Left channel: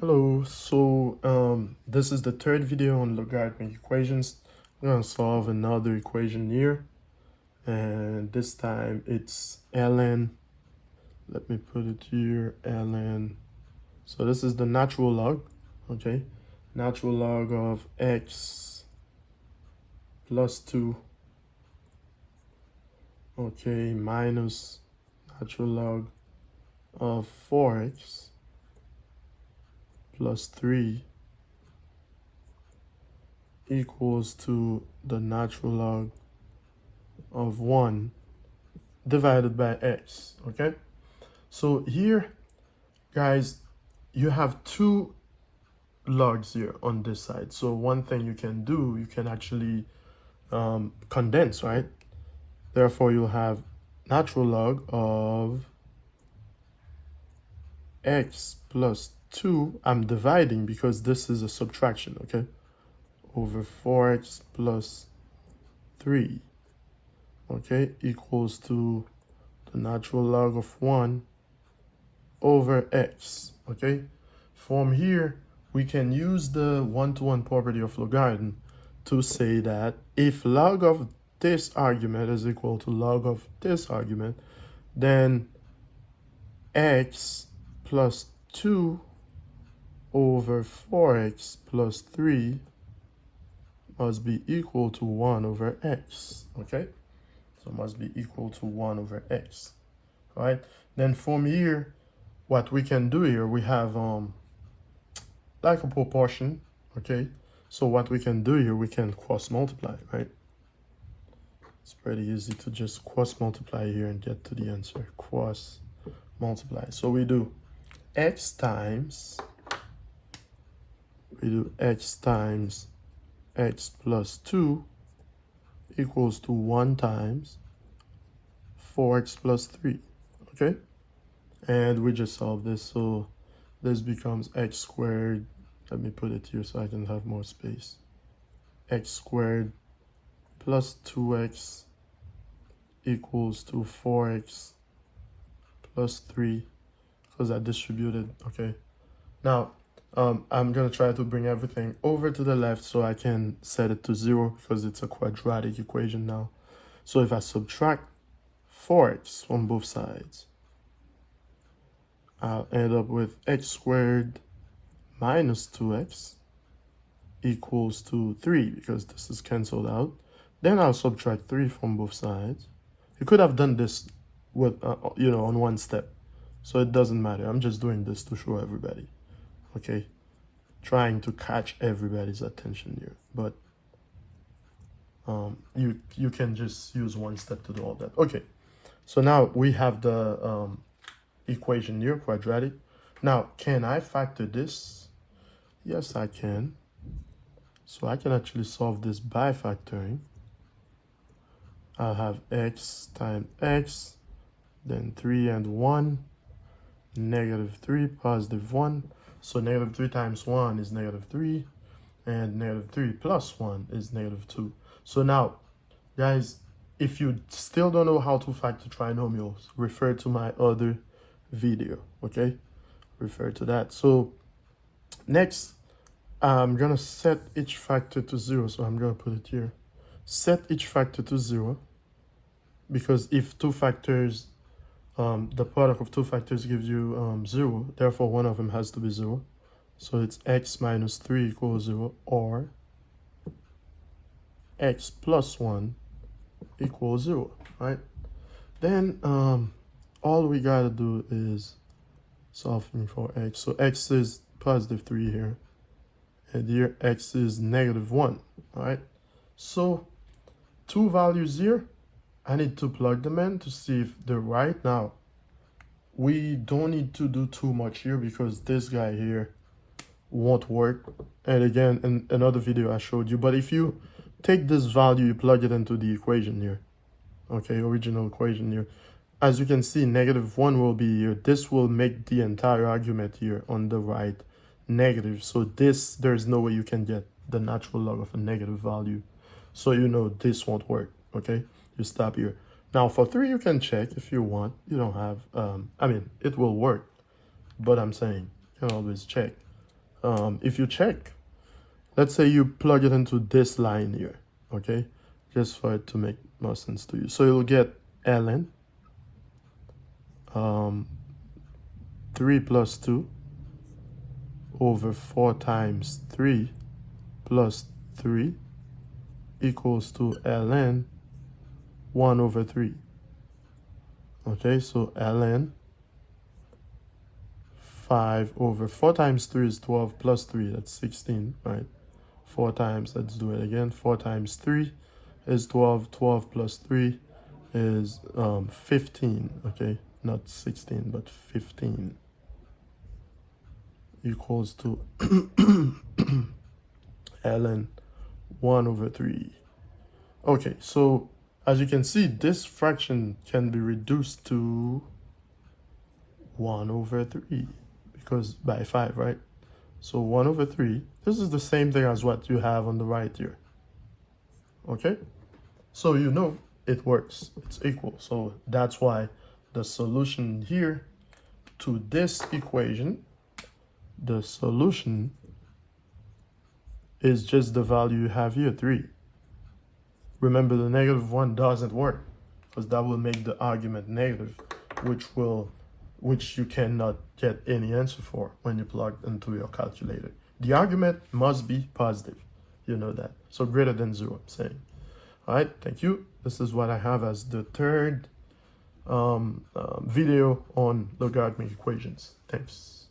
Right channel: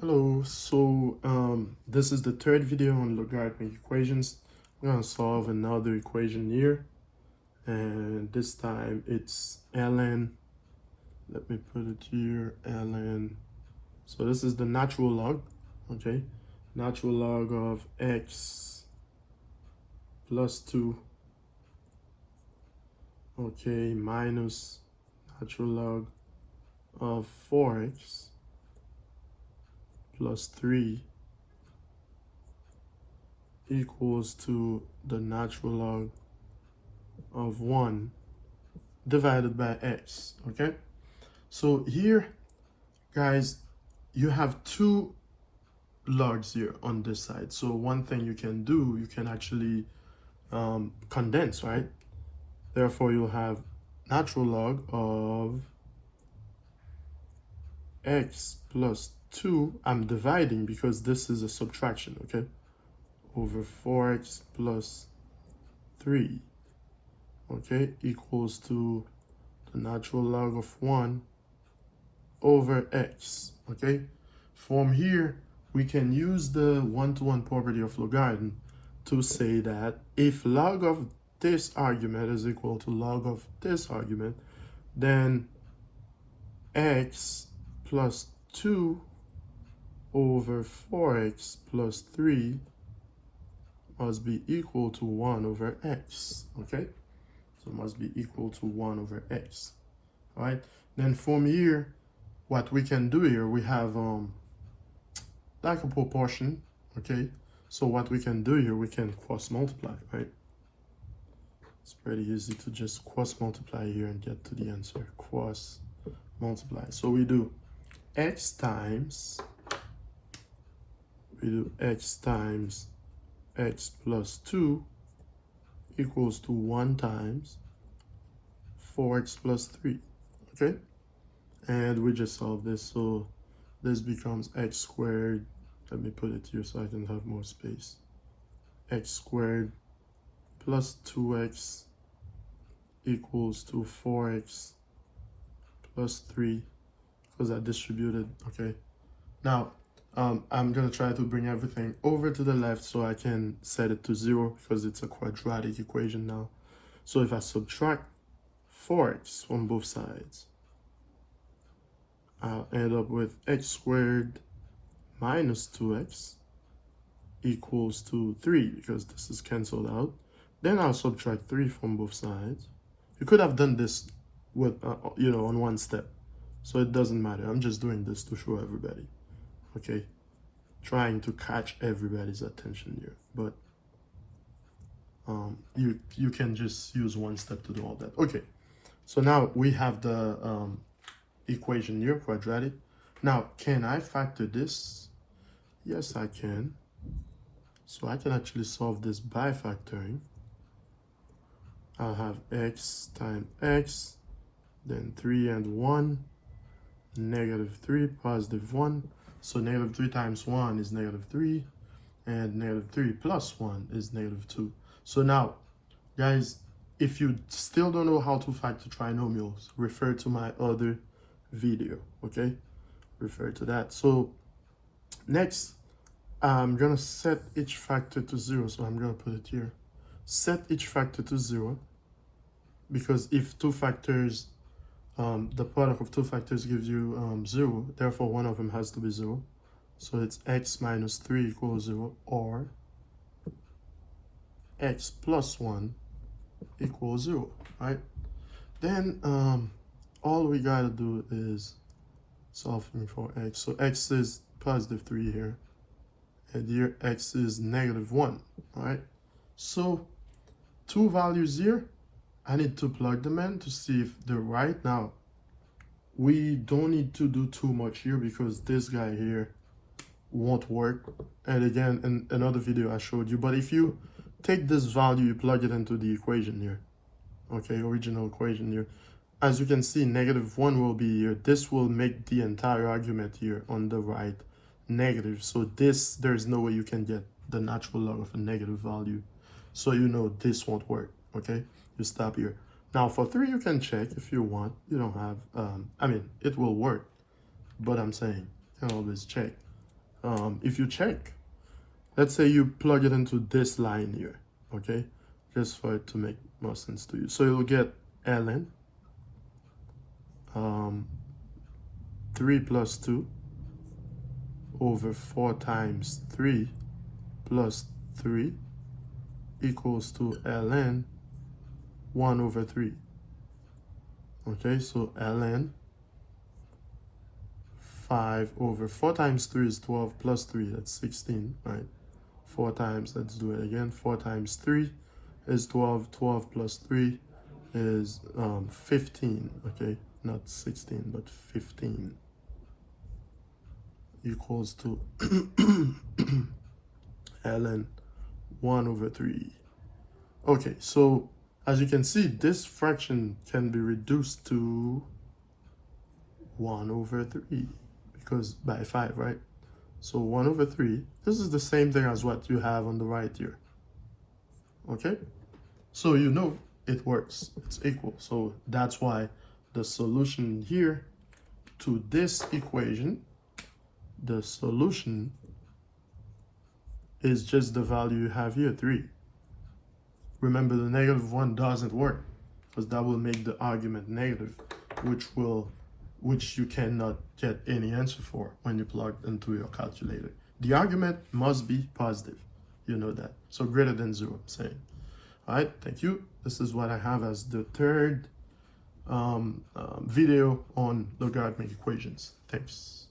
Hello, so this is the third video on logarithmic equations. I'm going to solve another equation here, and this time it's ln. Let me put it here, ln. So this is the natural log, okay? Natural log of x plus 2, okay, minus natural log of 4x plus 3 equals to the natural log of 1 divided by x, okay? So here, guys, you have two logs here on this side. So one thing you can do, you can actually condense, right? Therefore, you'll have natural log of x plus 2. I'm dividing because this is a subtraction, okay? Over 4x plus 3, okay, equals to the natural log of 1 over x, okay? From here, we can use the one-to-one property of logarithm to say that if log of this argument is equal to log of this argument, then x plus 2 over 4x plus 3 must be equal to 1 over x, okay? So must be equal to 1 over x, all right? Then from here, what we can do here, we have like a proportion, okay? So what we can do here, we can cross multiply, right? It's pretty easy to just cross multiply here and get to the answer. Cross multiply. So we do x times x plus 2 equals to 1 times 4x plus 3, okay? And we just solve this, so this becomes x squared. Let me put it here so I can have more space. X squared plus 2x equals to 4x plus 3, because I distributed, okay? Now, I'm gonna try to bring everything over to the left so I can set it to 0 because it's a quadratic equation now. So if I subtract 4x from both sides, I'll end up with x squared minus 2x equals to 3 because this is canceled out. Then I'll subtract 3 from both sides. You could have done this with, on one step. So it doesn't matter. I'm just doing this to show everybody. Okay, trying to catch everybody's attention here, but you can just use one step to do all that. Okay, so now we have the equation here, quadratic. Now, can I factor this? Yes, I can. So I can actually solve this by factoring. I'll have x times x, then 3 and 1, negative 3, positive 1. So negative 3 times 1 is negative 3, and negative 3 plus 1 is negative 2. So now, guys, if you still don't know how to factor trinomials, refer to my other video, okay? Refer to that. So next, I'm going to set each factor to 0. So I'm going to put it here. Set each factor to 0, because if two factors, the product of two factors gives you 0, therefore one of them has to be 0. So it's x minus 3 equals 0, or x plus 1 equals 0, right? Then all we gotta do is solving for x. So x is positive 3 here, and here x is negative 1, all right? So two values here, I need to plug them in to see if they're right. Now, we don't need to do too much here because this guy here won't work. And again, in another video I showed you, but if you take this value, you plug it into the equation here, okay, original equation here, as you can see, negative 1 will be here. This will make the entire argument here on the right negative. So this, there's no way you can get the natural log of a negative value. So you know this won't work, okay? You stop here. Now for 3, you can check if you want. You don't have, I mean, it will work, but I'm saying you can always check. if you check, let's say you plug it into this line here, okay, just for it to make more sense to you. So you'll get ln 3 plus 2 over 4 times 3 plus 3 equals to ln 1 over 3. Okay, so ln 5 over 4 times 3 is 12 plus 3, that's 16, right? 4 times, let's do it again, 4 times 3 is 12, 12 plus 3 is 15, okay? Not 16, but 15 equals to ln 1 over 3. Okay, so as you can see, this fraction can be reduced to 1 over 3 because by 5, right? So 1 over 3, this is the same thing as what you have on the right here. Okay? So you know it works, it's equal. So that's why the solution here to this equation, the solution is just the value you have here, 3. Remember, the -1 doesn't work because that will make the argument negative, which you cannot get any answer for when you plug into your calculator. The argument must be positive. You know that. So greater than 0, I'm saying. All right, thank you. This is what I have as the third video on logarithmic equations. Thanks.